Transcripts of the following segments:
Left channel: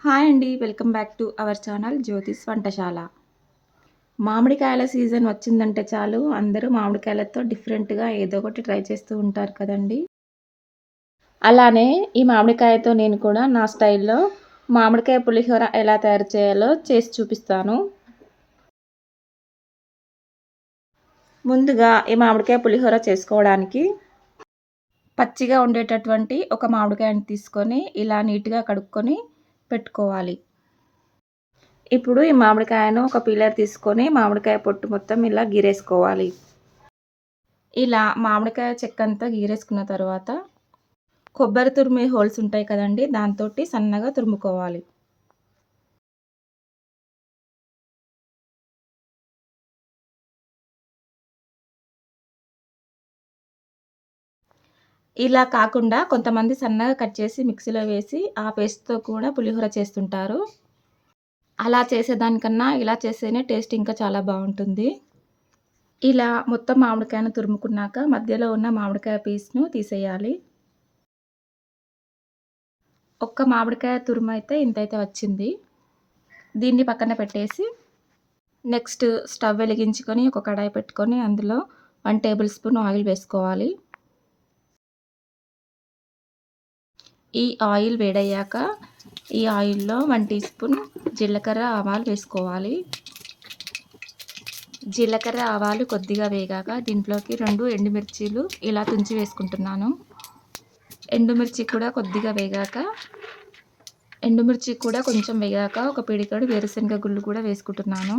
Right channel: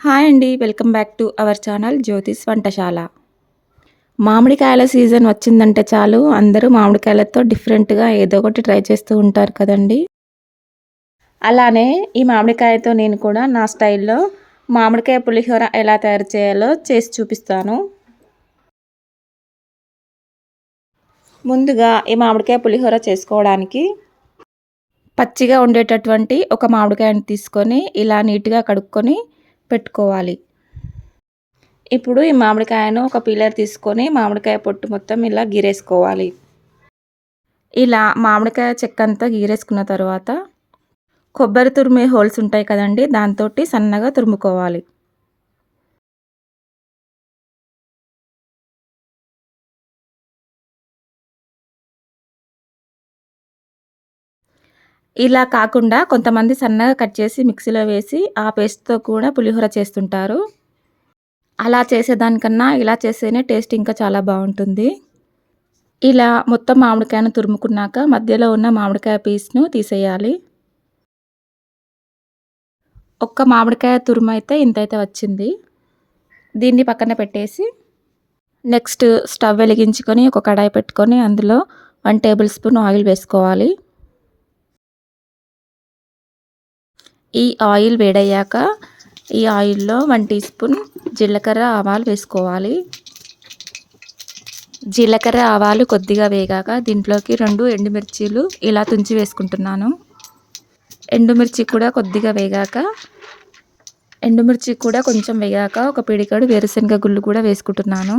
Hi అండి. Welcome back to our channel Jyothish వంటశాల. మామిడికాయల season వచ్చిందంటే చాలు అందరూ మామిడికాయలతో డిఫరెంట్‌గా ఏదో ఒకటి ట్రై చేస్తూ ఉంటారు కదండీ! అలానే ఈ మామిడికాయతో నేను కూడా నా స్టైల్‌లో మామిడికాయ పులిహోర ఎలా తయారు చేయాలో చేసి చూపిస్తాను. ముందుగా ఈ మామిడికాయ పులిహోర చేసుకోవడానికి పచ్చిగా ఉండేటటువంటి ఒక మామిడికాయని తీసుకొని ఇలా నీట్‌గా కడుక్కొని పెట్టుకోవాలి. ఇప్పుడు ఈ మామిడికాయను ఒక పీలర్ తీసుకొని మామిడికాయ పొట్టు మొత్తం ఇలా గీరేసుకోవాలి. ఇలా మామిడికాయ చెక్కంతా గీరేసుకున్న తర్వాత కొబ్బరి తురిమే హోల్స్ ఉంటాయి కదండీ! దాంతోటి సన్నగా తురుముకోవాలి. ఇలా కాకుండా కొంతమంది సన్నగా కట్ చేసి మిక్సీలో వేసి ఆ పేస్ట్‌తో కూడా పులిహోర చేస్తుంటారు. అలా చేసేదానికన్నా ఇలా చేస్తేనే టేస్ట్ ఇంకా చాలా బావుంటుంది. ఇలా మొత్తం మామిడికాయను తురుముకున్నాక మధ్యలో ఉన్న మామిడికాయ పీస్‌ను తీసేయాలి. ఒక్క మామిడికాయ తురుమైతే ఇంతైతే వచ్చింది. దీన్ని పక్కన పెట్టేసి నెక్స్ట్ స్టవ్ వెలిగించుకొని ఒక కడాయి పెట్టుకొని అందులో 1 టేబుల్ స్పూన్ ఆయిల్ వేసుకోవాలి. ఈ ఆయిల్ వేడయ్యాక ఈ ఆయిల్‌లో 1 టీ స్పూన్ జీలకర్ర, ఆవాలు వేసుకోవాలి. జీలకర్ర, ఆవాలు కొద్దిగా వేగాక దీంట్లోకి 2 ఎండుమిర్చీలు ఇలా తుంచి వేసుకుంటున్నాను. ఎండుమిర్చి కూడా కొద్దిగా వేగాక ఎండుమిర్చి కూడా కొంచెం వేగాక ఒక పిడికెడు వేరుశనగ గుళ్ళు కూడా వేసుకుంటున్నాను.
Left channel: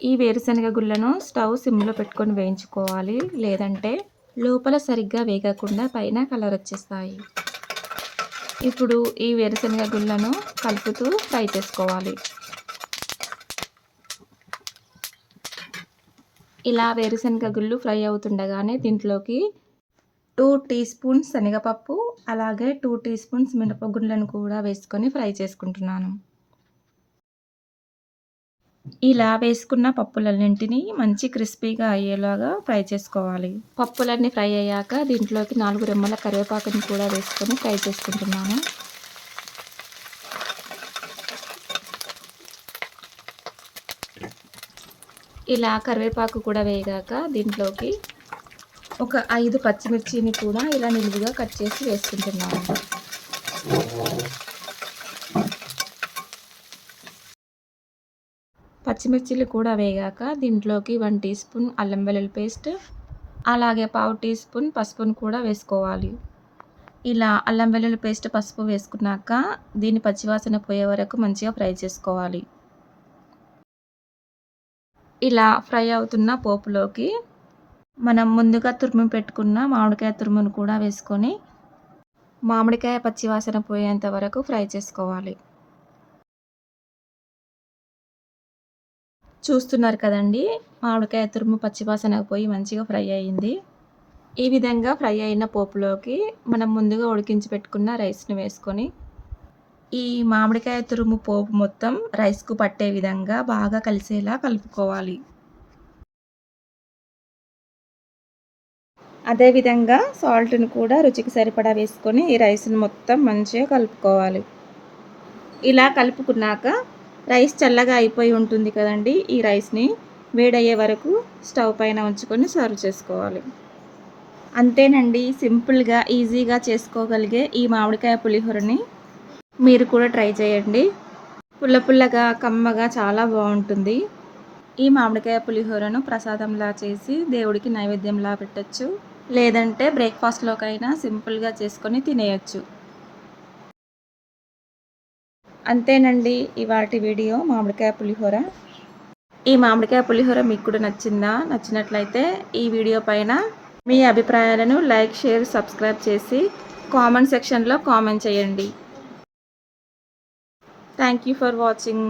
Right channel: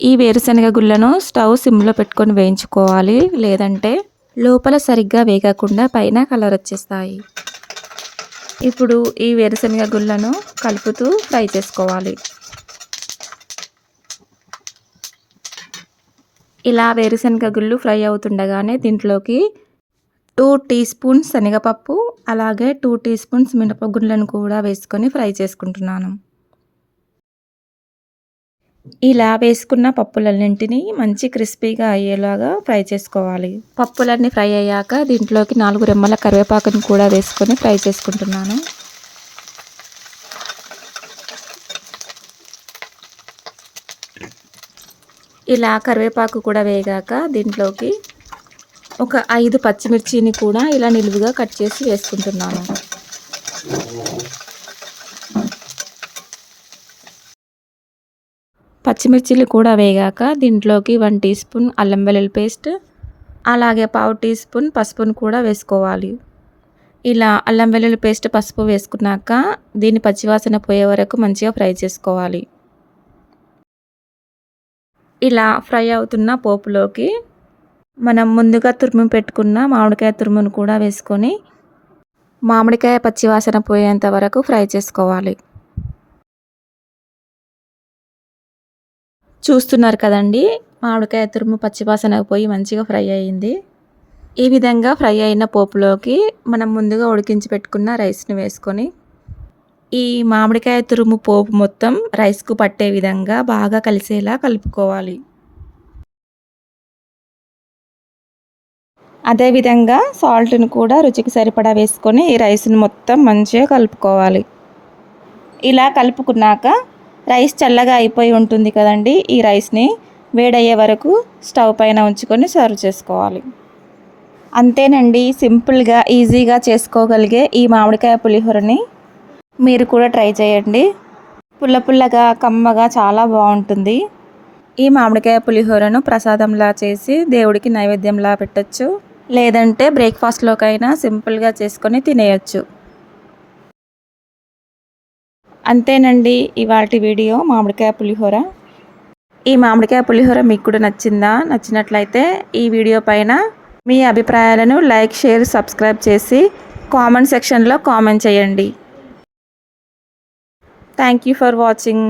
ఈ వేరుశనగ గుళ్ళను స్టవ్ సిమ్‌లో పెట్టుకొని వేయించుకోవాలి. లేదంటే లోపల సరిగ్గా వేగకుండా పైన కలర్ వచ్చేస్తాయి. ఇప్పుడు ఈ వేరుశనగ గుళ్ళను కలుపుతూ ఫ్రై చేసుకోవాలి. ఇలా వేరుశనగ గుళ్ళు ఫ్రై అవుతుండగానే దీంట్లోకి 2 టీ స్పూన్స్ శనగపప్పు, అలాగే 2 టీ స్పూన్స్ మినపగుళ్ళను కూడా వేసుకొని ఫ్రై చేసుకుంటున్నాను. ఇలా వేసుకున్న పప్పులన్నింటినీ మంచి క్రిస్పీగా అయ్యేలాగా ఫ్రై చేసుకోవాలి. పప్పులన్నీ ఫ్రై అయ్యాక దీంట్లోకి 4 రెమ్మల కరివేపాకుని కూడా వేసుకొని ఫ్రై చేసుకుంటున్నాను. ఇలా కరివేపాకు కూడా వేగాక దీంట్లోకి ఒక 5 పచ్చిమిర్చిని కూడా ఇలా నిలువుగా కట్ చేసి వేసుకుంటున్నాను. పచ్చిమిర్చిలు కూడా వేగాక దీంట్లోకి 1 టీ స్పూన్ అల్లం వెల్లుల్లి పేస్ట్, అలాగే పావు టీ స్పూన్ పసుపును కూడా వేసుకోవాలి. ఇలా అల్లం వెల్లుల్లి పేస్ట్, పసుపు వేసుకున్నాక దీని పచ్చివాసన పోయే వరకు మంచిగా ఫ్రై చేసుకోవాలి. ఇలా ఫ్రై అవుతున్న పోపులోకి మనం ముందుగా తురిమి పెట్టుకున్న మామిడికాయ తురుమును కూడా వేసుకొని మామిడికాయ పచ్చివాసన పోయేంత వరకు ఫ్రై చేసుకోవాలి. చూస్తున్నారు కదండీ! మామిడికాయ తురుము పచ్చివాసన పోయి మంచిగా ఫ్రై అయింది. ఈ విధంగా ఫ్రై అయిన పోపులోకి మనం ముందుగా ఉడికించి పెట్టుకున్న రైస్‌ని వేసుకొని ఈ మామిడికాయ తురుము పోపు మొత్తం రైస్‌కు పట్టే విధంగా బాగా కలిసేలా కలుపుకోవాలి. అదేవిధంగా సాల్ట్‌ని కూడా రుచికి సరిపడా వేసుకొని ఈ రైస్‌ని మొత్తం మంచిగా కలుపుకోవాలి. ఇలా కలుపుకున్నాక రైస్ చల్లగా అయిపోయి ఉంటుంది కదండీ! ఈ రైస్‌ని వేడయ్యే వరకు స్టవ్ పైన ఉంచుకొని సర్వ్ చేసుకోవాలి. అంతేనండి, సింపుల్‌గా ఈజీగా చేసుకోగలిగే ఈ మామిడికాయ పులిహోరని మీరు కూడా ట్రై చేయండి. పుల్ల పుల్లగా, కమ్మగా చాలా బావుంటుంది. ఈ మామిడికాయ పులిహోరను ప్రసాదంలా చేసి దేవుడికి నైవేద్యంలా పెట్టొచ్చు. లేదంటే బ్రేక్‌ఫాస్ట్‌లోకైనా సింపుల్‌గా చేసుకొని తినేయొచ్చు. అంతేనండి ఇవాల్టి వీడియో మామిడికాయ పులిహోర. ఈ మామిడికాయ పులిహోర మీకు కూడా నచ్చిందా? నచ్చినట్లయితే ఈ వీడియో పైన మీ అభిప్రాయాలను లైక్, షేర్, సబ్స్క్రైబ్ చేసి కామెంట్ సెక్షన్‌లో కామెంట్ చేయండి. Thank you for watching.